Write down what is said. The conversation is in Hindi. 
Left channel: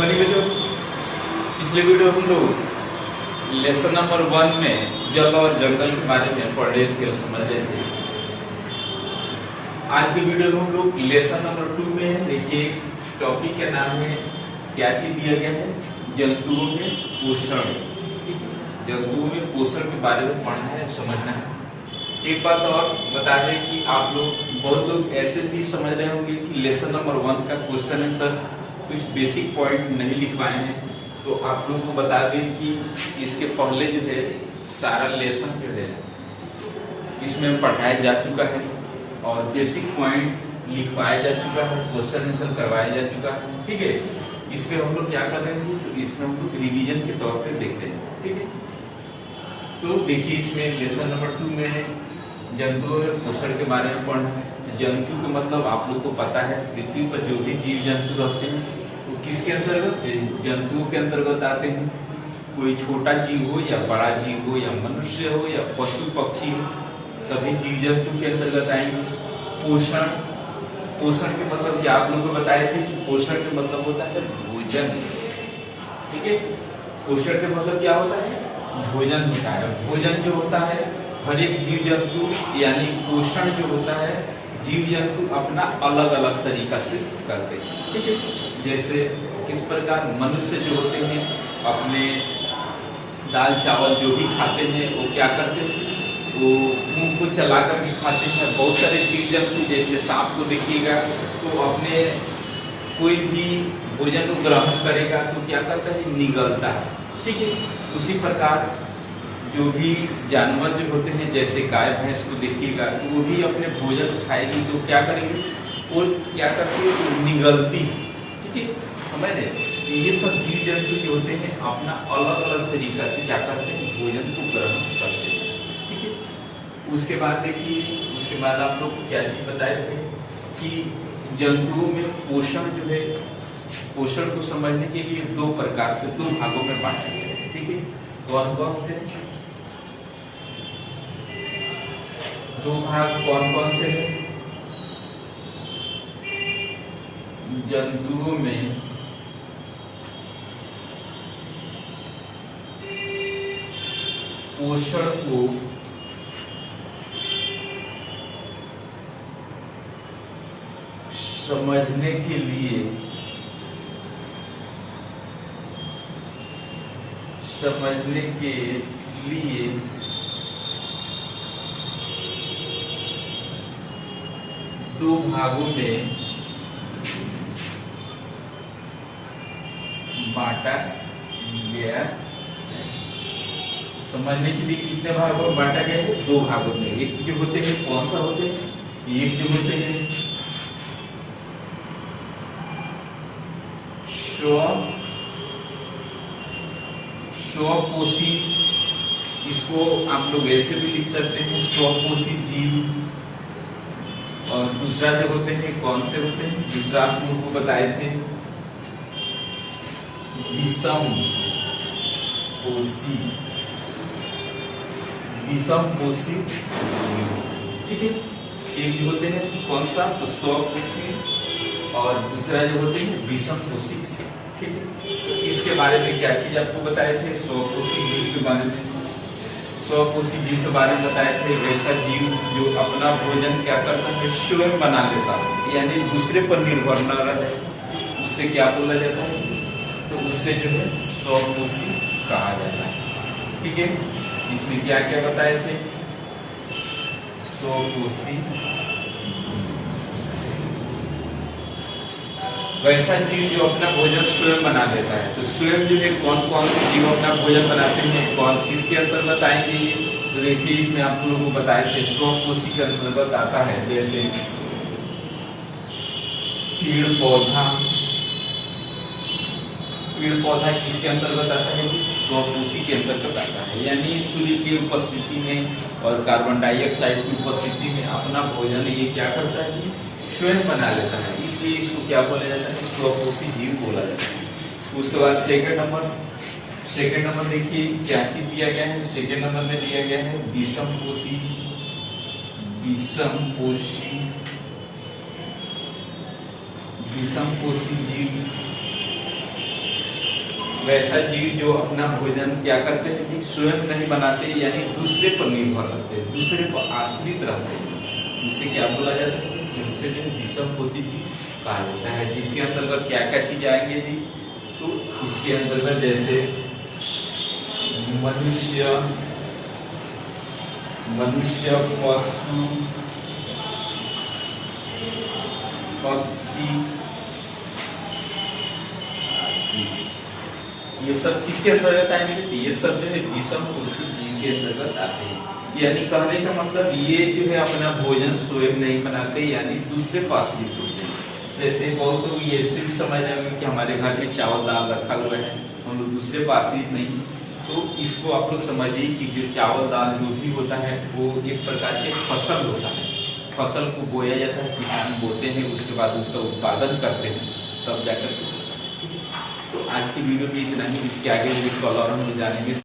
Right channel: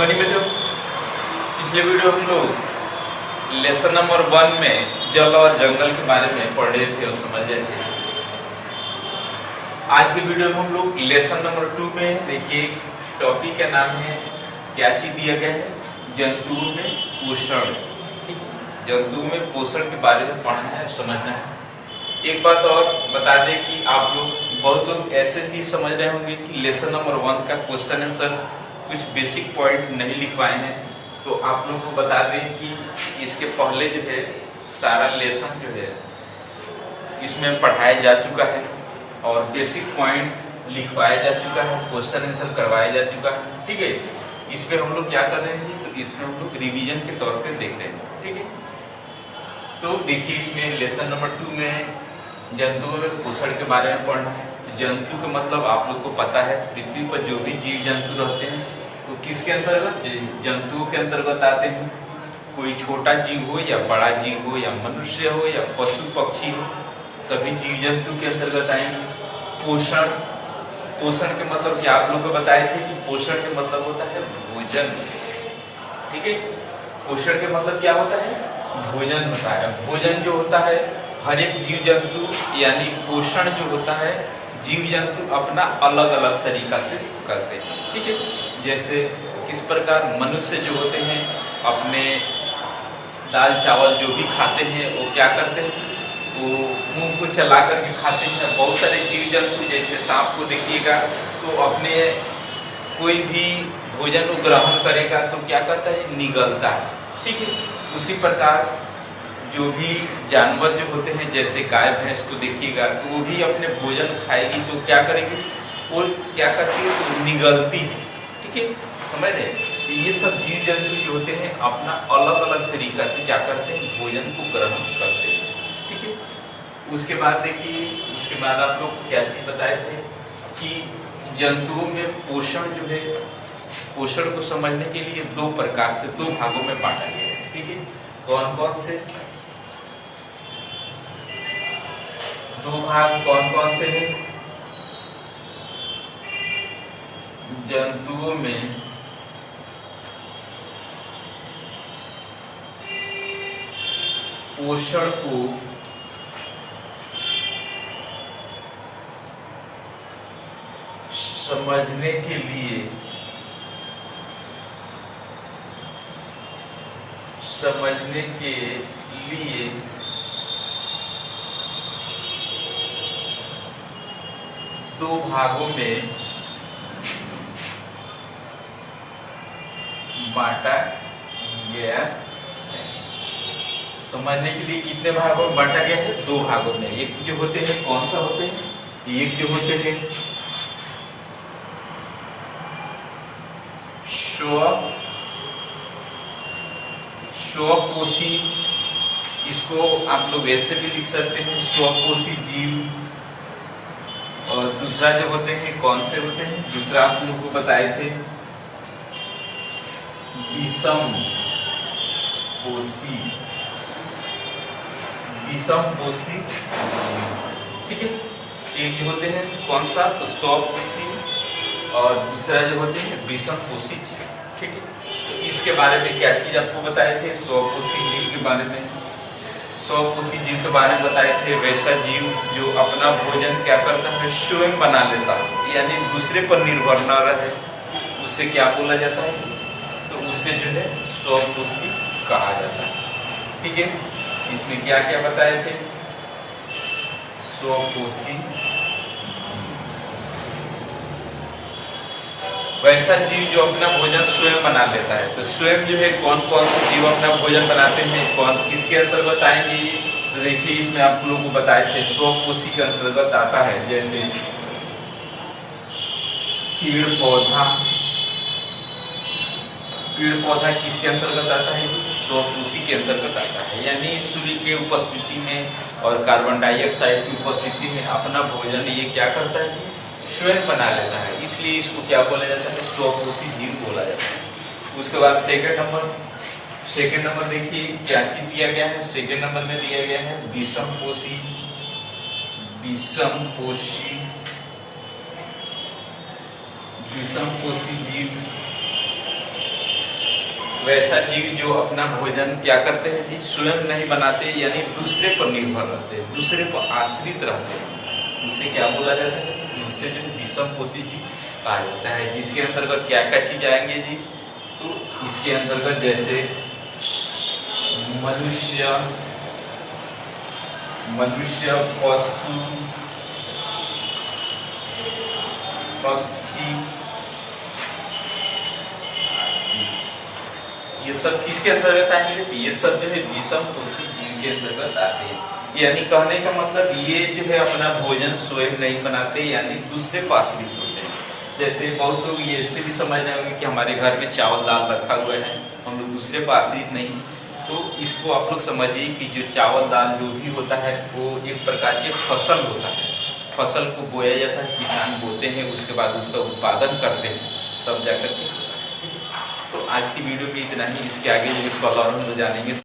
मनी बच्चों, पिछले वीडियो हम लोग लेसन नंबर 1 में जल और जंगल के बारे में पढ़ रहे थे और समझ रहे थे। आज के वीडियो में हम लोग लेसन नंबर 2 में देखिए टॉपिक का नाम है, क्या चीज दिया गया है, जंतुओं में पोषण। जंतुओं में पोषण के बारे में पढ़ना है, समझना है। एक बात और बता दें कि आप लोग बहुत लोग ऐसे भी समझ रहे होंगे कि लेसन नंबर 1 का क्वेश्चन आंसर कुछ बेसिक पॉइंट नहीं लिखवाए हैं, तो आप लोगों को बता दें कि इसके पहले जो है सारा लेसन जो है इसमें पढ़ाया जा चुका है और बेसिक पॉइंट लिखवाया जा चुका है, क्वेश्चन आंसर करवाया जा चुका है। ठीक है, इसमें हम लोग क्या कर रहे हैं, तो इसमें हम लोग रिवीजन के तौर पे देख रहे हैं। ठीक है, तो देखिए इसमें लेसन नंबर 2 में जंतुओं में पोषण के बारे में पढ़ना है। जंतु का मतलब आप लोग को पता है, पृथ्वी पर जो भी जीव जंतु रहते हैं तो किसके अंतर्गत, जंतुओं के अंतर्गत आते हैं। कोई छोटा जीव हो या बड़ा जीव हो या मनुष्य हो या पशु पक्षी हो, सभी जीव जंतु के अंतर्गत आएंगे। पोषण, पोषण के मतलब क्या आप लोग को बताए थे कि पोषण के मतलब होता है भोजन। ठीक है, पोषण के मतलब क्या होता है, भोजन होता है। भोजन जो होता है हर एक जीव जंतु, यानी पोषण जो होता है जीव जंतु अपना अलग अलग तरीका से करते हैं। ठीक है, जैसे किस प्रकार मनुष्य जो होते हैं अपने दाल चावल जो भी खाते हैं वो क्या करते हैं, वो मुंह को चला करके खाते हैं। बहुत सारे जीव जंतु जैसे सांप को देखिएगा तो अपने कोई भी भोजन को ग्रहण करेगा तो क्या करता है, निगलता है। ठीक है, उसी प्रकार जो भी जानवर जो होते हैं जैसे गाय भैंस को देखिएगा तो वो भी अपने भोजन खाएगी तो क्या करेगी, वो क्या करती है, तो निगलती है। ठीक है, समझ रहे, ये सब जीव जंतु जो होते हैं अपना अलग अलग तरीका से क्या करते हैं, भोजन को ग्रहण करते हैं। ठीक है, उसके बाद देखिए, उसके बाद आप लोग को क्या चीज बताए थे कि जंतुओं में पोषण जो है, पोषण को समझने के लिए दो प्रकार से, दो भागों में बांटा गया है। ठीक है, कौन कौन से दो भाग, कौन कौन से हैं, जंतुओं में पोषण को समझने के लिए दो भागों में बांटा गया है। समझने के लिए कितने भागों में बांटा गया है, दो भागों में। एक जो होते हैं, कौन सा होते हैं, एक जो होते हैं स्वपोषी, इसको आप लोग ऐसे भी लिख सकते हैं, स्वपोषी जीव। और दूसरा जो होते हैं, कौन से होते हैं, दूसरा आप लोगों को बताए थे विषम पोषी। ठीक है, एक जो होते हैं कौन सा, तो स्वपोषी, और दूसरा जो होते हैं विषम पोषी। ठीक है, तो इसके बारे में क्या चीज आपको बताए थे, स्वपोषी जीव के बारे में। स्वपोषी जीव के बारे में बताए थे वैसा जीव जो अपना भोजन क्या करता है, स्वयं बना लेता है, यानी दूसरे पर निर्भर न रहे, उसे क्या बोला जाता है, तो उसे जो है स्वपोषी कहा जाता है। ठीक है, इसमें क्या क्या बताए थे, स्वपोषी वैसा जीव जो अपना भोजन स्वयं बना लेता है। तो स्वयं जो है कौन कौन से जीव अपना भोजन बनाते हैं, कौन किसके अंतर्गत आएंगे ये, तो देखिए इसमें आप लोगों को बताए थे स्वपोषी के अंतर्गत आता है, जैसे पेड़ पौधा किसके अंतर्गत आता है, स्वपोषी के अंतर्गत आता है। यानी सूर्य की उपस्थिति में और कार्बन डाइऑक्साइड की उपस्थिति में अपना भोजन ये क्या करता है, स्वयं बना लेता है, इसलिए इसको क्या बोला जाता है, स्वपोषी जीव बोला जाता है। उसके बाद सेकंड नंबर देखिए क्या चीज दिया गया है, सेकंड नंबर में दिया गया है विषम पोषी जीव। वैसा जीव जो अपना भोजन क्या करते हैं जी, स्वयं नहीं बनाते, यानी दूसरे पर निर्भर रहते हैं, दूसरे पर आश्रित रहते हैं। उसे क्या बोला जाता है? उसे जो विषम पोषी जीव कहा जाता है। जिसके अंतर्गत क्या क्या चीज आएंगे जी, तो इसके अंतर्गत जैसे मनुष्य, पशु, पक्षी, ये सब किसके अंतर्गत आएंगे? ये सब जो है विषम पोषी जीव के अंतर्गत आते हैं। यानी कहने का मतलब ये जो है अपना भोजन स्वयं नहीं बनाते, यानी दूसरे पर आश्रित होते हैं। जैसे बहुत लोग ये से भी समझ जाएंगे कि हमारे घर में चावल दाल रखा हुआ है, हम लोग दूसरे पर आश्रित नहीं। तो इसको आप लोग समझिए कि जो चावल दाल जो भी होता है वो एक प्रकार के फसल होता है। फसल को बोया जाता है, किसान बोते हैं, उसके बाद उसका उत्पादन करते हैं, तब जाकर के। तो आज की वीडियो में इतना ही। इसके आगे जो कल और हम लोग जानेंगे।